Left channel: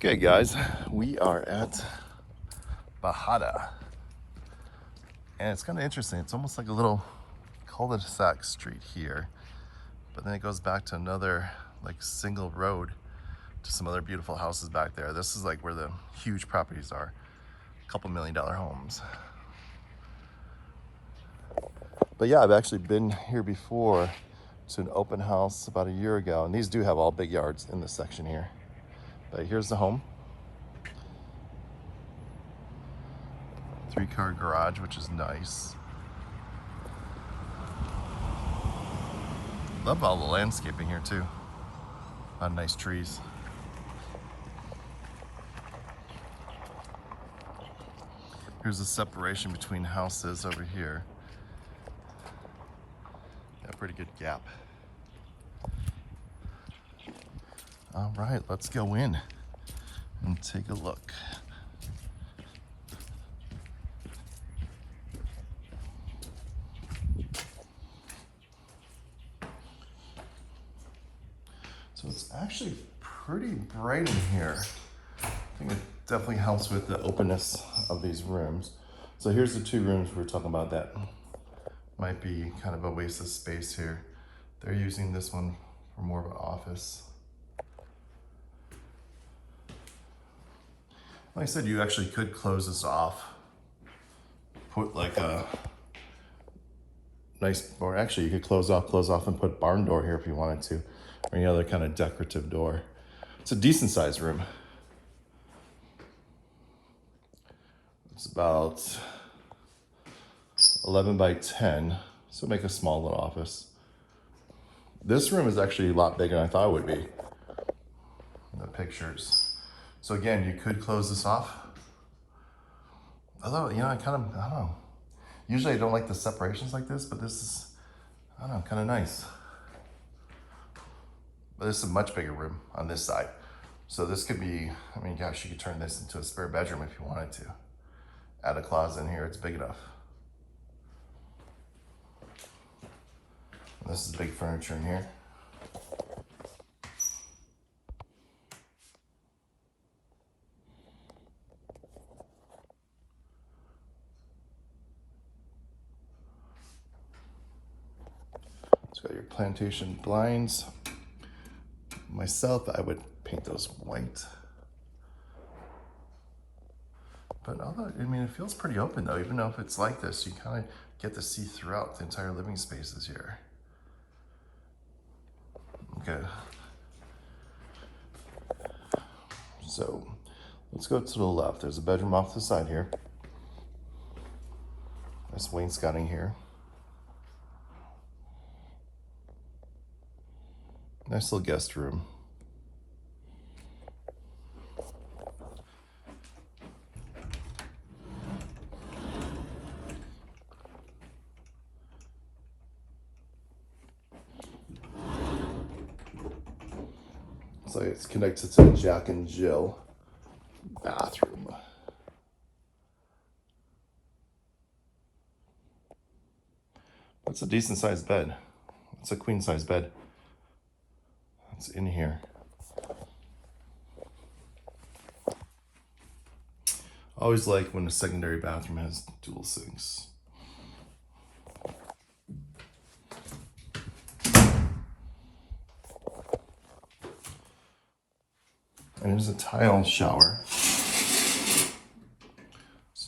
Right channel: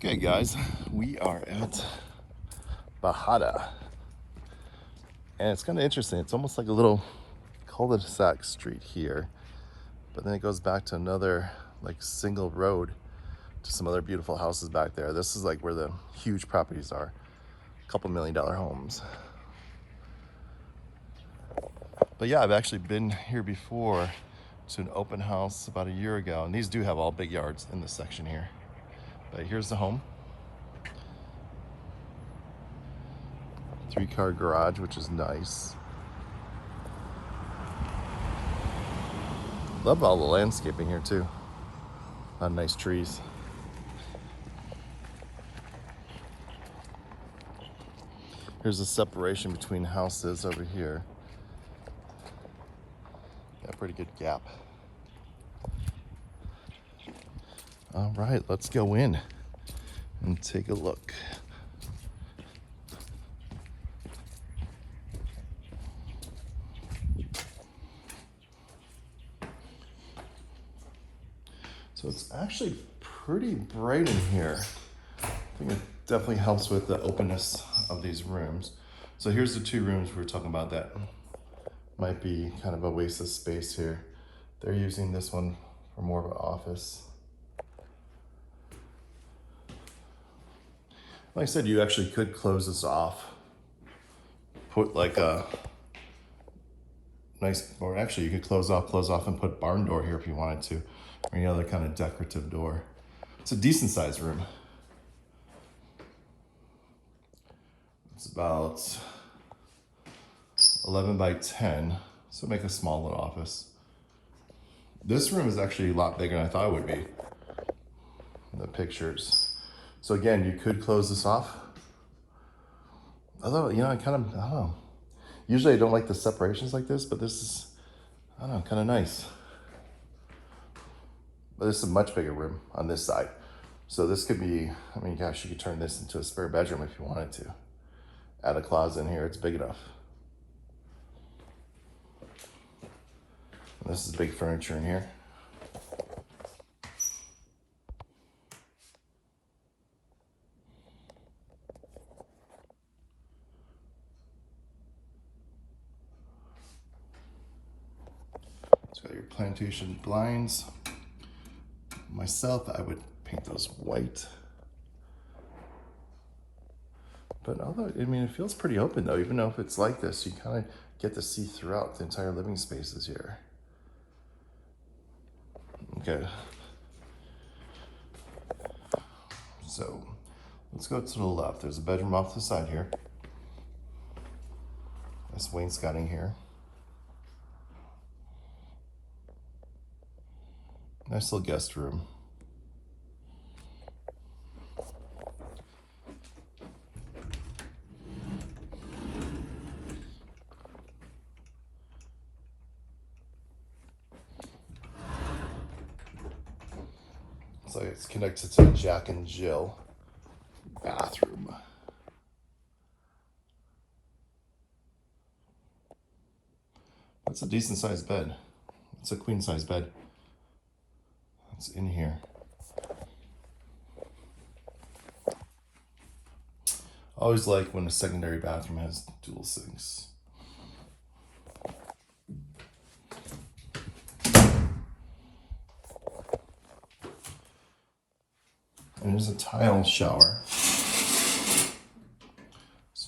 Okay, guys, we are at Bajada, and it's kind of interesting. It's almost like a little cul-de-sac street here, but then it goes back to another like single road to some other beautiful houses back there. This is like where the huge properties are, a couple $1 million homes. But yeah, I've actually been here before to an open house about a year ago, and these do have all big yards in this section here. But here's the home. 3-car garage, which is nice. Love all the landscaping here too. A lot of nice trees. Here's the separation between houses over here. A pretty good gap. All right, let's go in and take a look. So it's actually pretty bright in here. I think it definitely helps with the openness of these rooms. So here's the 2 rooms we were talking about that might be kind of a waste of space here. They're using this one for more of an office. Like I said, you actually could close this off. Put like a nice, or actually you could close off and put barn door here if you wanted to, or any other kind of decorative door. It's a decent sized room. It's about 11 by 10, so make a small little office. This room is actually a lot bigger than I thought it would be, the pictures. So again, you could close this off. Although, you know, I don't know. Usually I don't like the separations like this, but this is, I don't know, kind of nice. But this is a much bigger room on this side. So this could be, I mean, gosh, you could turn this into a spare bedroom if you wanted to. Add a closet in here, it's big enough. And this is big furniture in here. It's got your plantation blinds. Myself, I would paint those white. But although, I mean, it feels pretty open though, even though if it's like this, you kind of get to see throughout the entire living spaces here. Okay. So let's go to the left. There's a bedroom off the side here. There's wainscoting here. Nice little guest room. So it's connected to the Jack and Jill bathroom. That's a decent sized bed. It's a queen size bed. It's in here. Always like when a secondary bathroom has dual sinks. And there's a tile shower. It's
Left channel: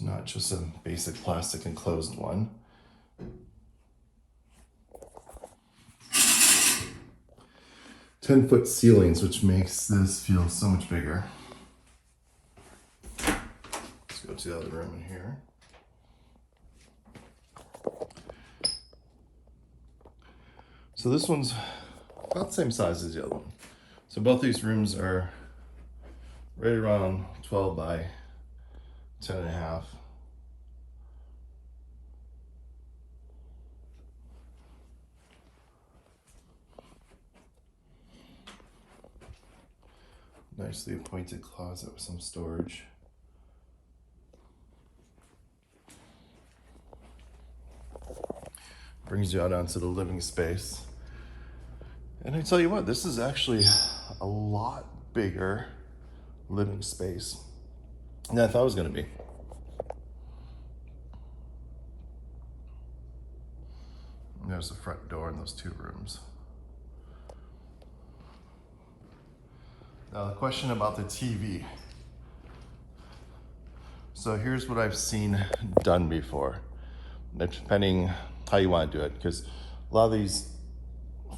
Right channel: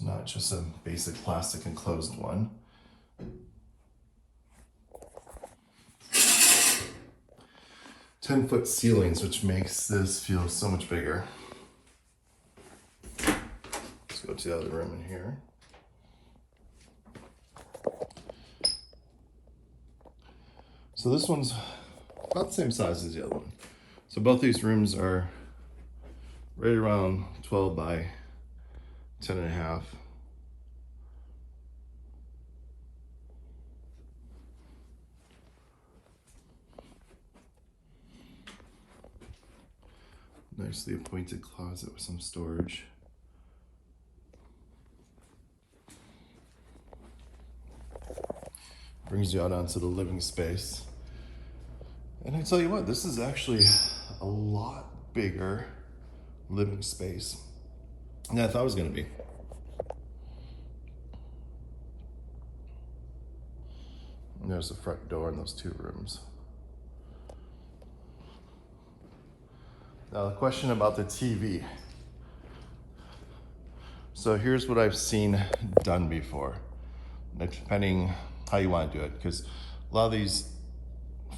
not just a basic plastic enclosed one. Ten-foot ceilings, which makes this feel so much bigger. Let's go to the other room in here. So this one's about the same size as the other one. So both these rooms are right around 12 by 10 and a half. Nicely appointed closet with some storage. Brings you out onto the living space. And I tell you what, this is actually a lot bigger living space than I thought it was going to be. And there's the front door and those 2 rooms. Now the question about the TV. So here's what I've seen done before, depending how you want to do it, because a lot of these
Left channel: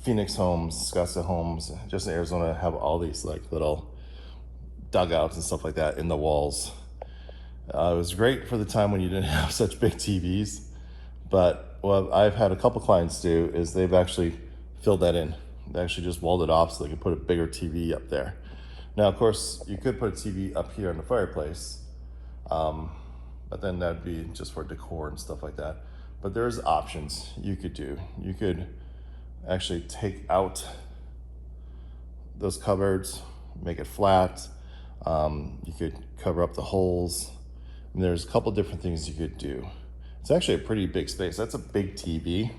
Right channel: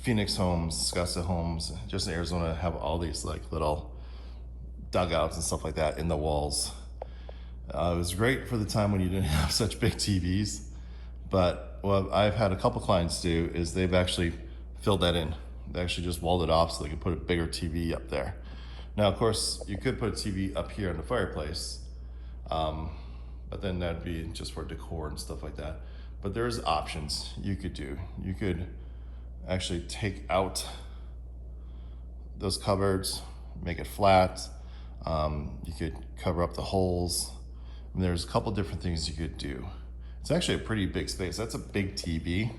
Phoenix homes, Scottsdale homes, just in Arizona, have all these like little dugouts and stuff like that in the walls. It was great for the time when you didn't have such big TVs, but what I've had a couple clients do is they've actually filled that in. They actually just walled it off so they could put a bigger TV up there. Now, of course, you could put a TV up here in the fireplace, but then that'd be just for decor and stuff like that. But there's options you could do. You could actually take out those cupboards, make it flat. You could cover up the holes. And there's a couple different things you could do. It's actually a pretty big space. That's a big TV.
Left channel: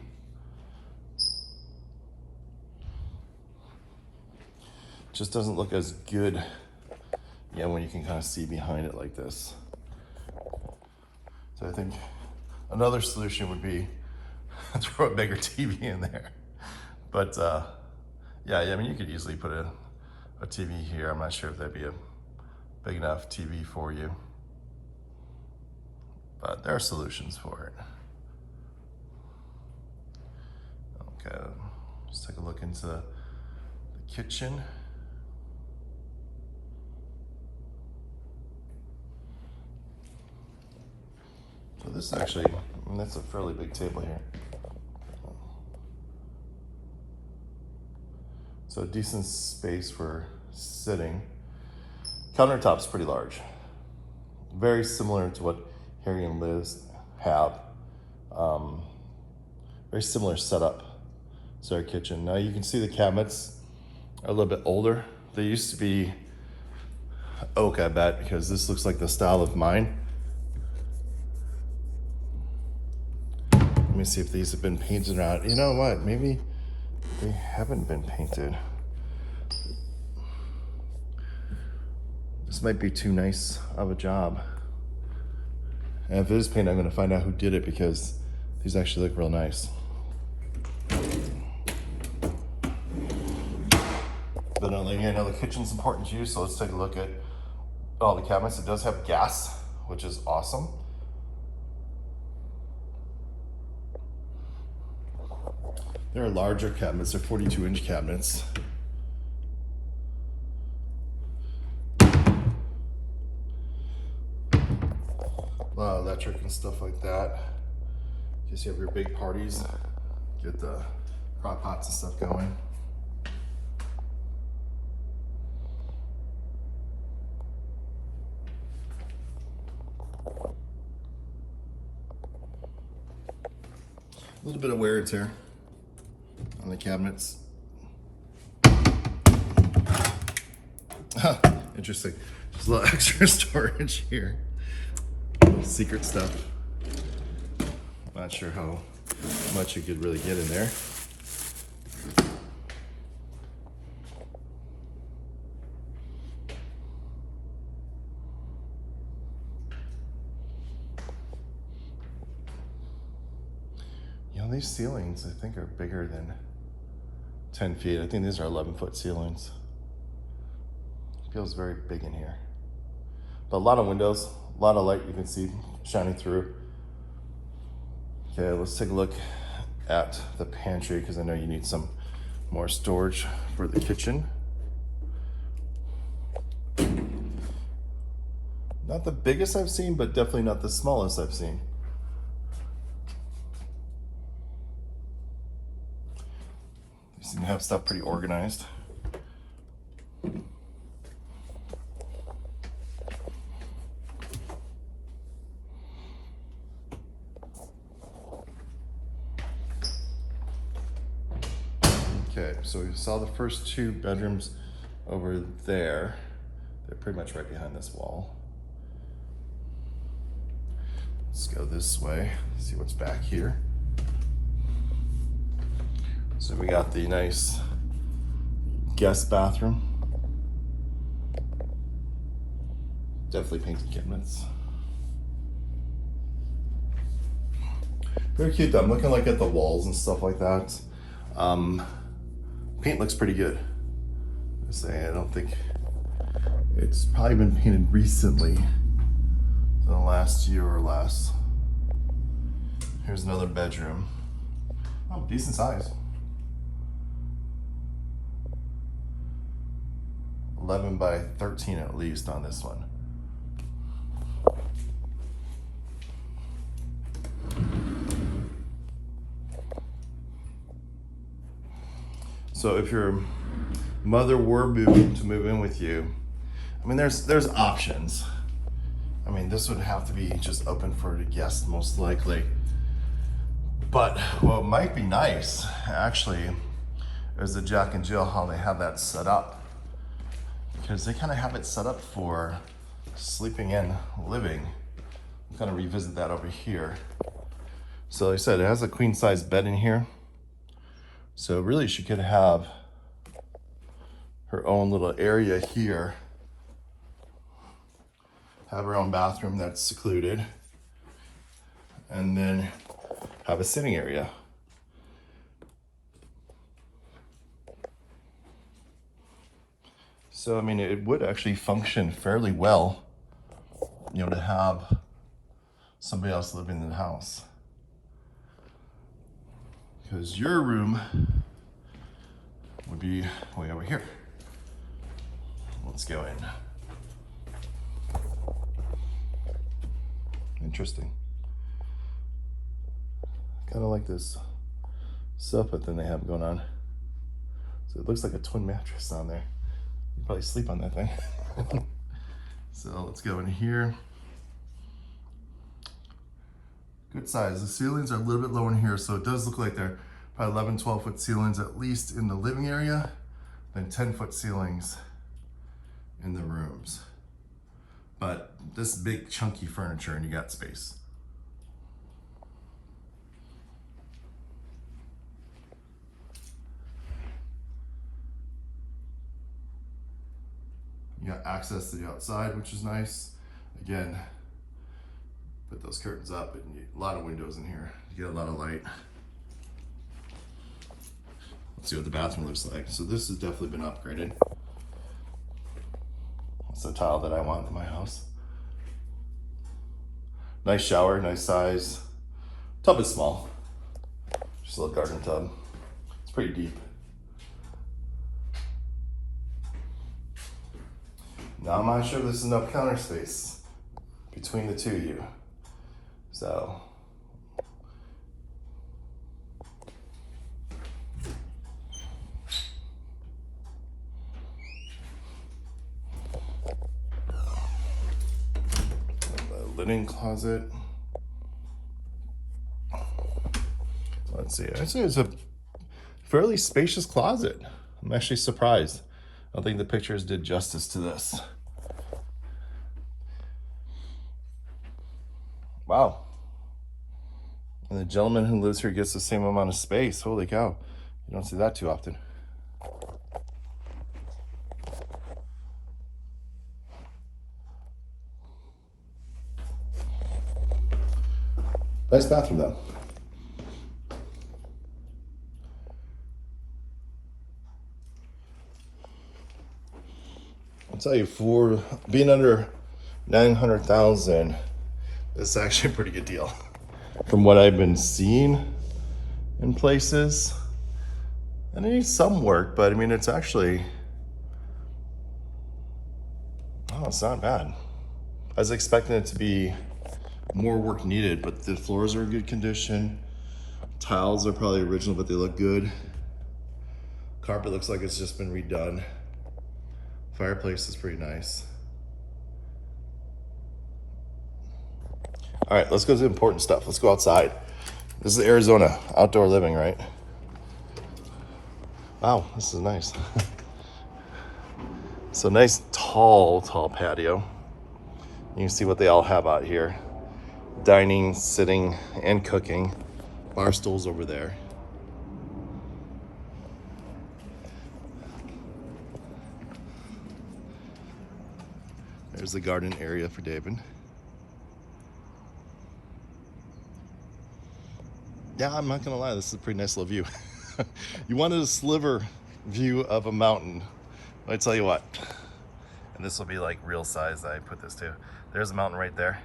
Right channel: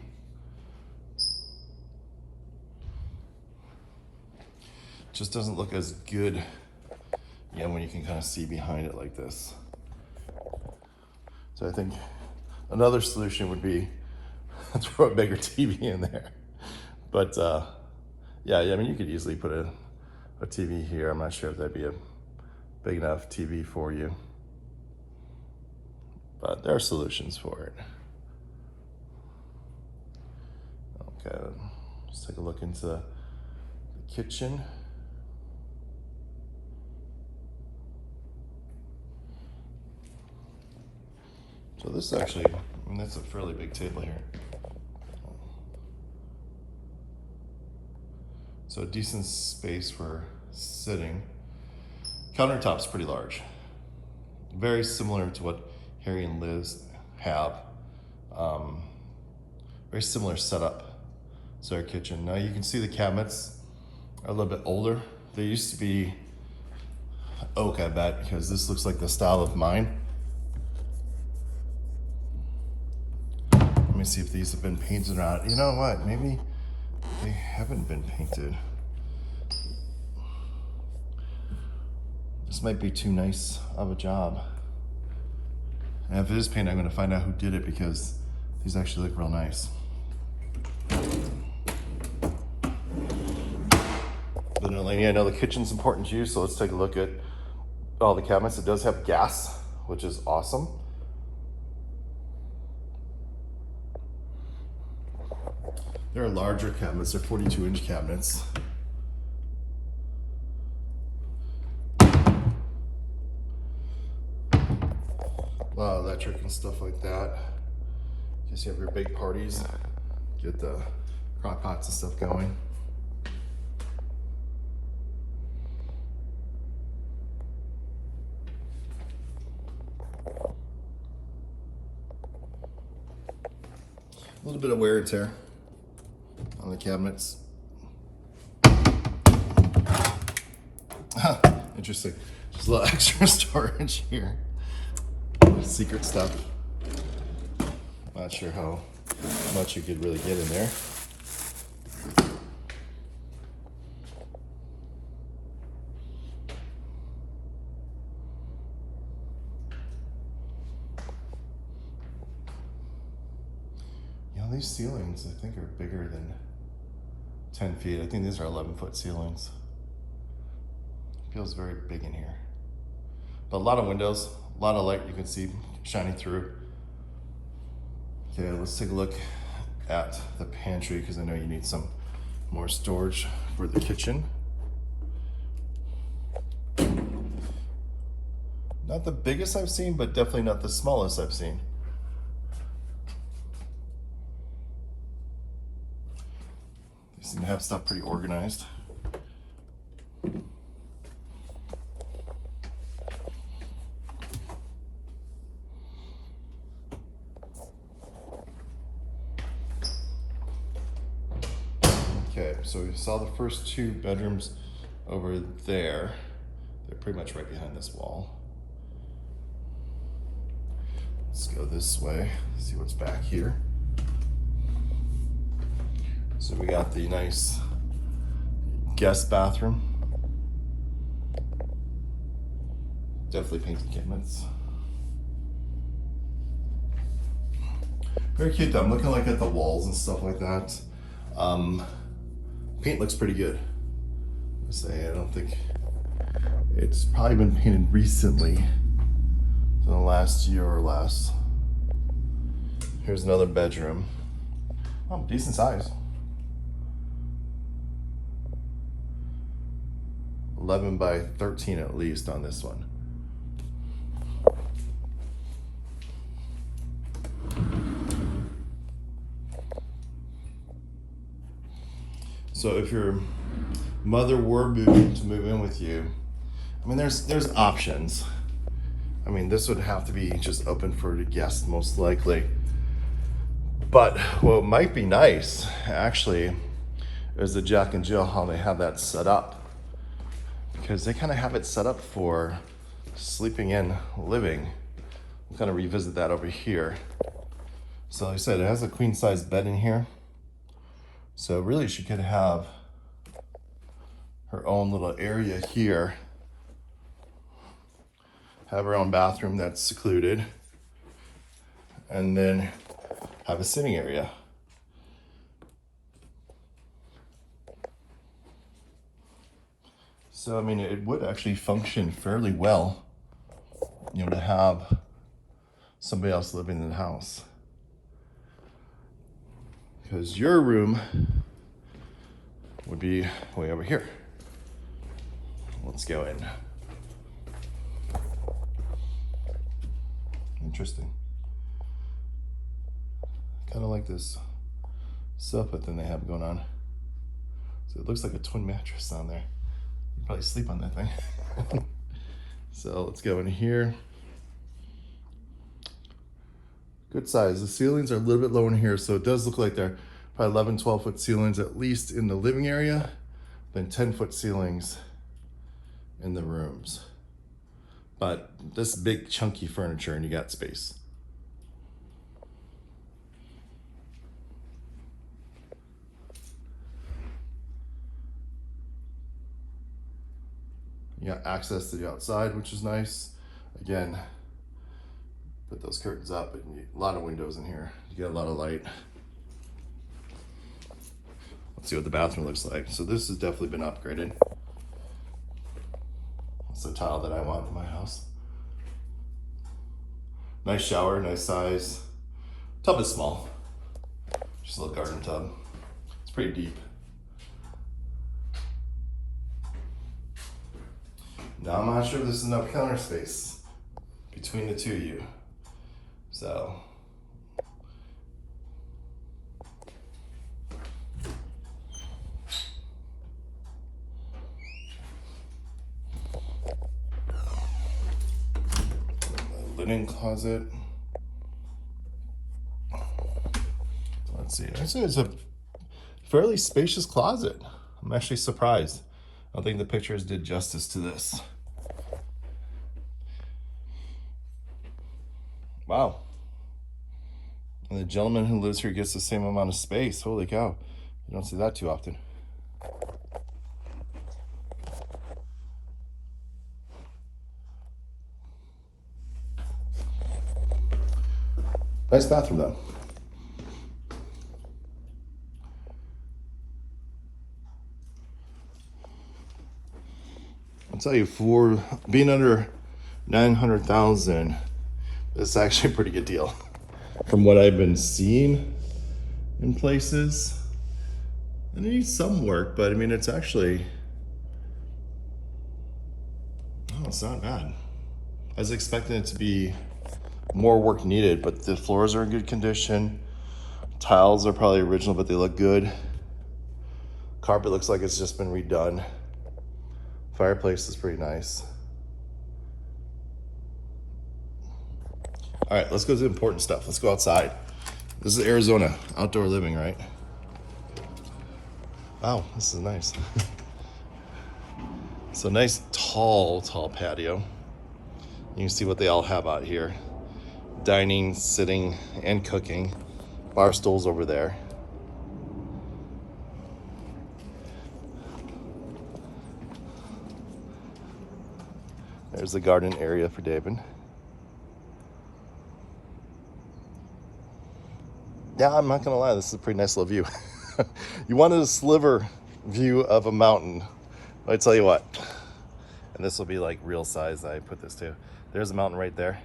Just doesn't look as good, when you can kind of see behind it like this. So I think another solution would be throw a bigger TV in there. But yeah, I mean, you could easily put a TV here. I'm not sure if that'd be a big enough TV for you, but there are solutions for it. Okay, let's take a look into the kitchen. So this is actually, that's a fairly big table here. So a decent space for sitting. Countertop's pretty large. Very similar to what Harry and Liz have. Very similar setup to their kitchen. Now you can see the cabinets are a little bit older. They used to be oak, I bet, because this looks like the style of mine. Let me see if these have been painted around. You know what? Maybe they haven't been painted. This might be too nice of a job. And if it is painted, I'm going to find out who did it, because these actually look real nice. But I know the kitchen's important to you, so let's take a look at all the cabinets. It does have gas, which is awesome. There are larger cabinets, they're 42-inch cabinets. A lot of electric and stuff like that. In case you have your big parties, get the crock pots and stuff going. A little bit of wear and tear on the cabinets. Interesting. Just a little extra storage here. Secret stuff. Not sure how much you could really get in there. These ceilings, I think, are bigger than 10 feet. I think these are 11-foot ceilings. It feels very big in here. But a lot of windows, a lot of light you can see shining through. Okay, let's take a look at the pantry, because I know you need some more storage for the kitchen. Not the biggest I've seen, but definitely not the smallest I've seen. Seem to have stuff pretty organized. Okay, so we saw the first 2 bedrooms over there. They're pretty much right behind this wall. Let's go this way, see what's back here. So we got the nice guest bathroom. Definitely painted cabinets. Very cute though. I'm looking like at the walls and stuff like that. Paint looks pretty good. I say I don't think it's probably been painted recently, so the last year or less. Here's another bedroom. Oh, decent size. 11 by 13 at least on this one. So if your mother were moving to move in with you, I mean, there's options. I mean, this would have to be just open for the guests most likely. But what might be nice, actually, is the Jack and Jill, how they have that set up. Because they kind of have it set up for sleeping in, living. I'm gonna revisit that over here. So like I said, it has a queen size bed in here. So really she could have her own little area here. Have her own bathroom that's secluded. And then have a sitting area. So, I mean, it would actually function fairly well, you know, to have somebody else living in the house. Because your room would be way over here. Let's go in. Interesting. Kind of like this sofa thing they have going on. So it looks like a twin mattress on there. You probably sleep on that thing. So let's go in here. Good size. The ceilings are a little bit low in here, so it does look like they're probably 11, 12-foot ceilings at least in the living area, then 10-foot ceilings in the rooms. But this big chunky furniture and you got space. You got access to the outside, which is nice. Again, put those curtains up and a lot of windows in here. You get a lot of light. Let's see what the bathroom looks like. So this has definitely been upgraded. That's the tile that I want in my house. Nice shower, nice size. Tub is small. Just a little garden tub. It's pretty deep. Now I'm not sure this is enough counter space between the two of you. So linen closet. Let's see. I'd say it's a fairly spacious closet. I'm actually surprised. I don't think the pictures did justice to this. Wow. And the gentleman who lives here gets the same amount of space. Holy cow. You don't see that too often. Nice bathroom though. I'll tell you, for being under 900,000, this is actually a pretty good deal. From what I've been seeing in places, and it needs some work, but I mean, it's actually, oh, it's not bad. I was expecting it to be more work needed, but the floors are in good condition. Tiles are probably original, but they look good. Carpet looks like it's just been redone. Fireplace is pretty nice. All right, let's go to the important stuff. Let's go outside. This is Arizona, outdoor living, right? Wow, this is nice. It's a nice tall patio. You can see what they all have out here. Dining, sitting, and cooking. Bar stools over there. There's the garden area for David. Yeah, I'm not gonna lie, this is a pretty nice little view. You wanted a sliver view of a mountain. I tell you what, and this will be like real size I put this to. There's a mountain right there.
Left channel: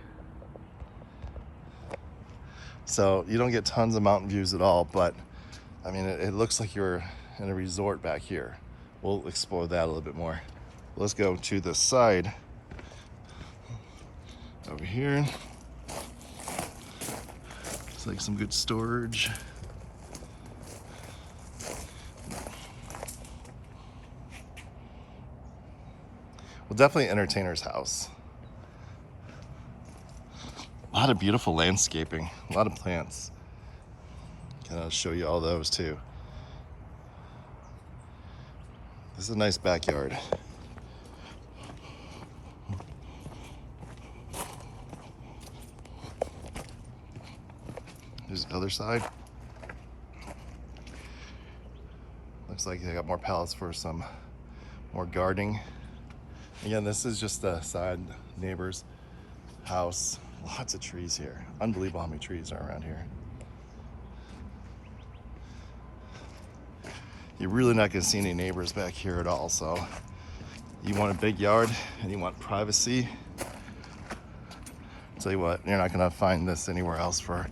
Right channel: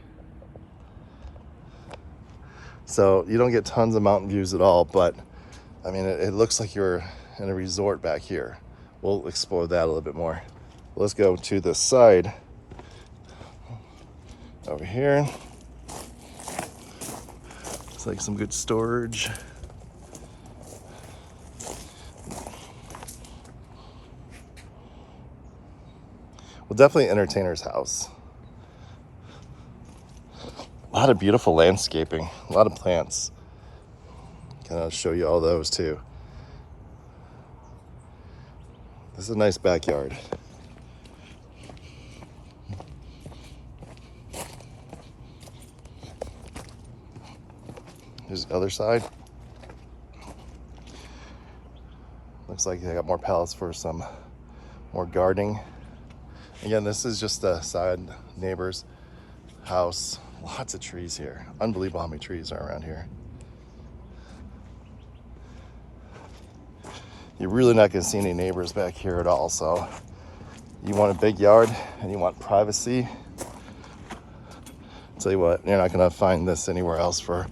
So you don't get tons of mountain views at all, but I mean, it looks like you're in a resort back here. We'll explore that a little bit more. Let's go to the side over here. Looks like some good storage. Well, definitely entertainer's house. A lot of beautiful landscaping, a lot of plants. Kind of show you all those too. This is a nice backyard. Here's the other side. Looks like they got more pallets for some more gardening. Again, this is just a side neighbor's house. Lots of trees here. Unbelievable how many trees are around here. You're really not going to see any neighbors back here at all. So you want a big yard and you want privacy. I'll tell you what, you're not going to find this anywhere else for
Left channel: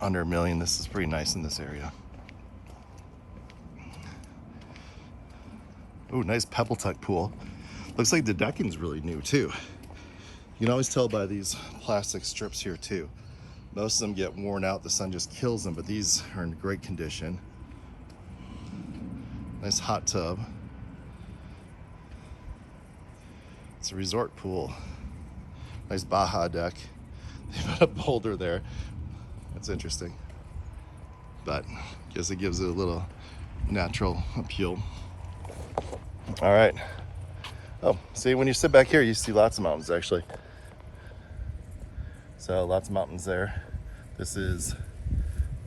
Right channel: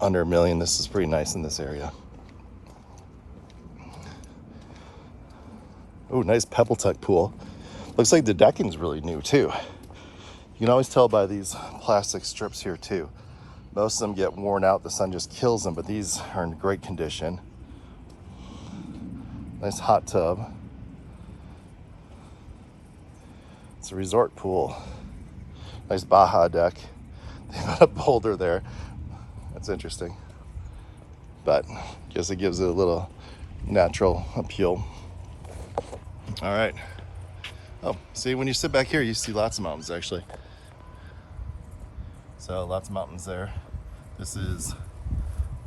under $1 million. This is pretty nice in this area. Oh, nice pebble tech pool. Looks like the decking's really new too. You can always tell by these plastic strips here too. Most of them get worn out, the sun just kills them, but these are in great condition. Nice hot tub. It's a resort pool. Nice Baja deck. They've got a boulder there. That's interesting. But I guess it gives it a little natural appeal. All right. Oh, see, when you sit back here, you see lots of mountains actually. So lots of mountains there. This is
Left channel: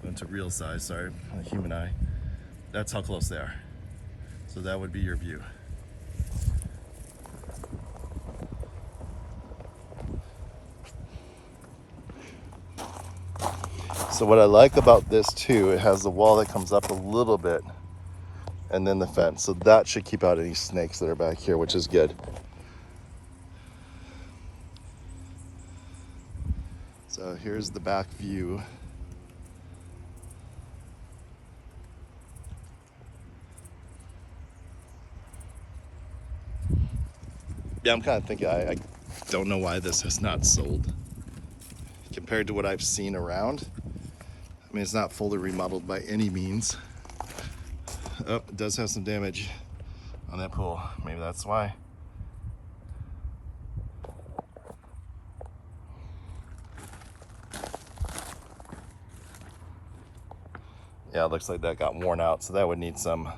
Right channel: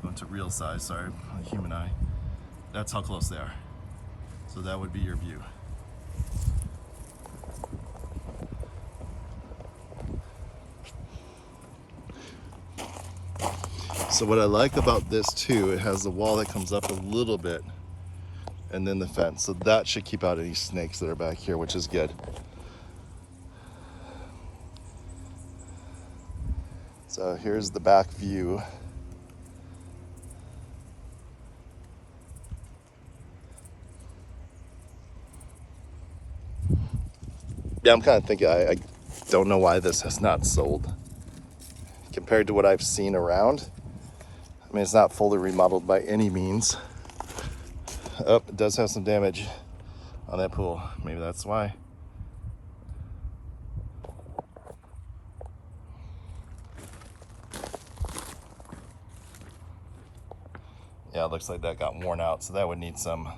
going to real size, sorry, a human eye. That's how close they are. So that would be your view. So what I like about this too, it has a wall that comes up a little bit and then the fence. So that should keep out any snakes that are back here, which is good. So here's the back view. Yeah, I'm kind of thinking, I don't know why this has not sold compared to what I've seen around. I mean, it's not fully remodeled by any means. Oh, it does have some damage on that pool. Maybe that's why. Yeah, it looks like that got worn out, so that would need some,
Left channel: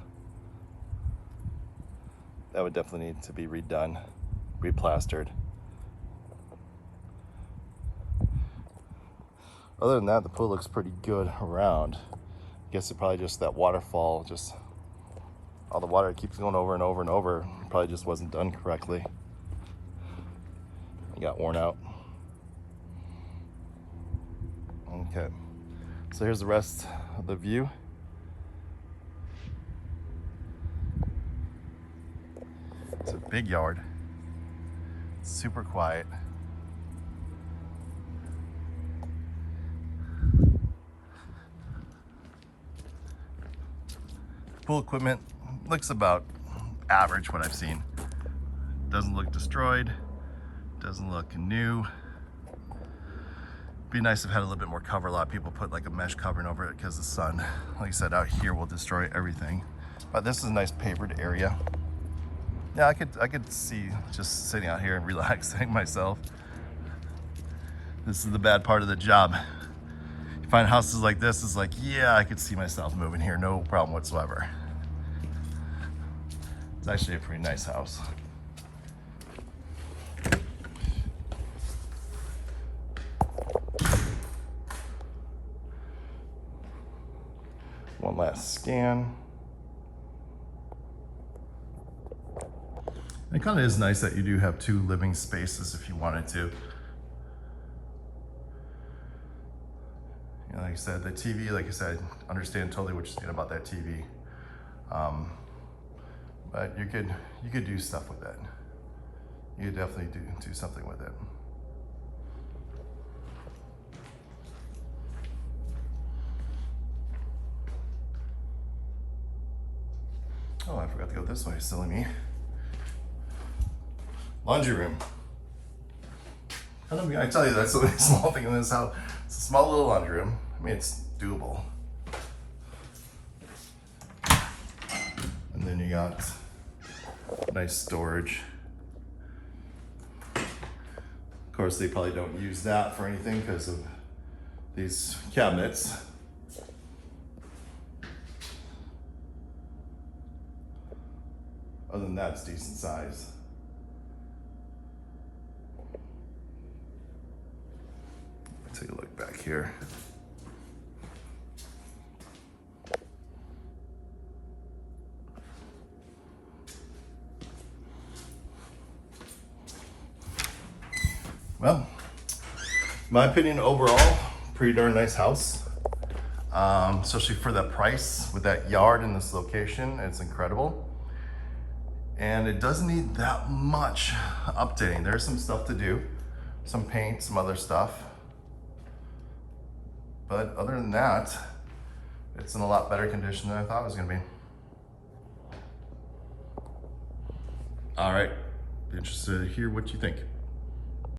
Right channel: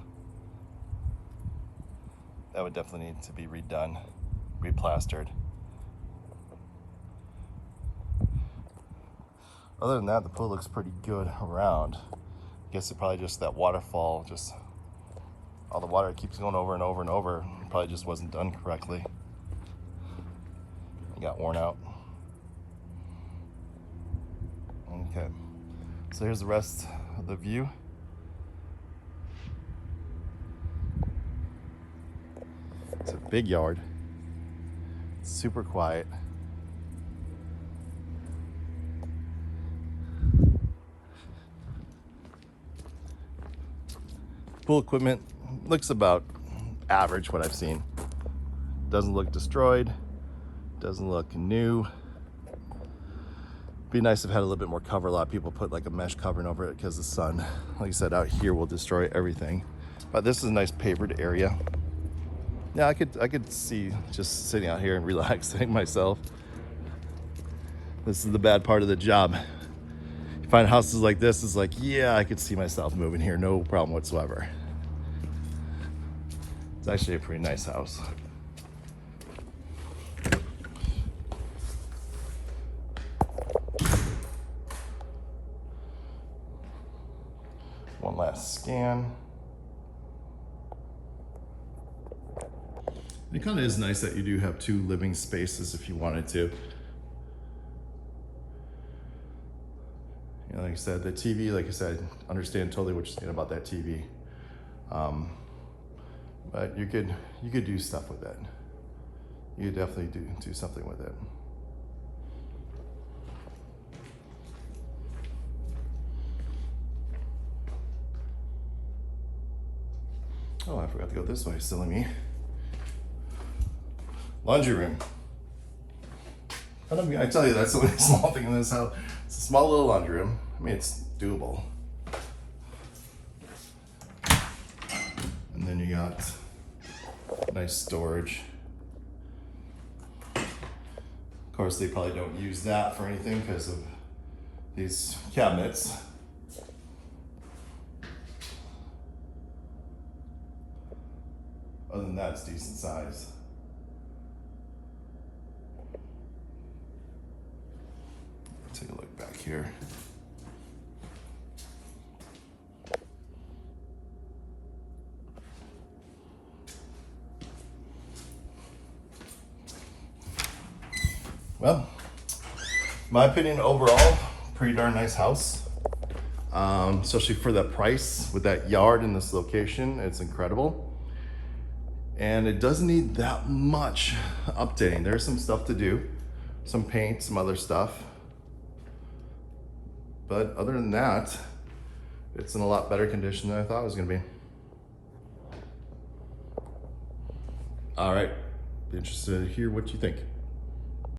that would definitely need to be redone, replastered. Other than that, the pool looks pretty good around. I guess it probably just that waterfall, just all the water keeps going over and over and over. It probably just wasn't done correctly. It got worn out. Okay, so here's the rest of the view. It's a big yard. It's super quiet. Pool equipment looks about average, what I've seen. Doesn't look destroyed, doesn't look new. Be nice if it had a little bit more cover. A lot of people put like a mesh covering over it because the sun, like I said, out here will destroy everything. But this is a nice pavered area. Yeah, I could see just sitting out here and relaxing myself. This is the bad part of the job. You find houses like this, it's like, yeah, I could see myself moving here, no problem whatsoever. It's actually a pretty nice house. One last scan. It kind of is nice that you do have 2 living spaces if you wanted to. You know, like I said, the TV, like I said, understand totally what you're saying about that TV. But you could do stuff with it. You could definitely do something with it. Oh, I forgot to go this way, silly me. Laundry room. I tell you, that's a small thing in this house. It's a small little laundry room. I mean, it's doable. And then you got nice storage. Of course, they probably don't use that for anything because of these cabinets. Other than that, it's decent size. Take a look back here. Well, in my opinion, overall, pretty darn nice house. Especially for the price with that yard in this location, it's incredible. And it doesn't need that much updating. There's some stuff to do, some paint, some other stuff. But other than that, it's in a lot better condition than I thought it was gonna be. All right, interested to hear what you think.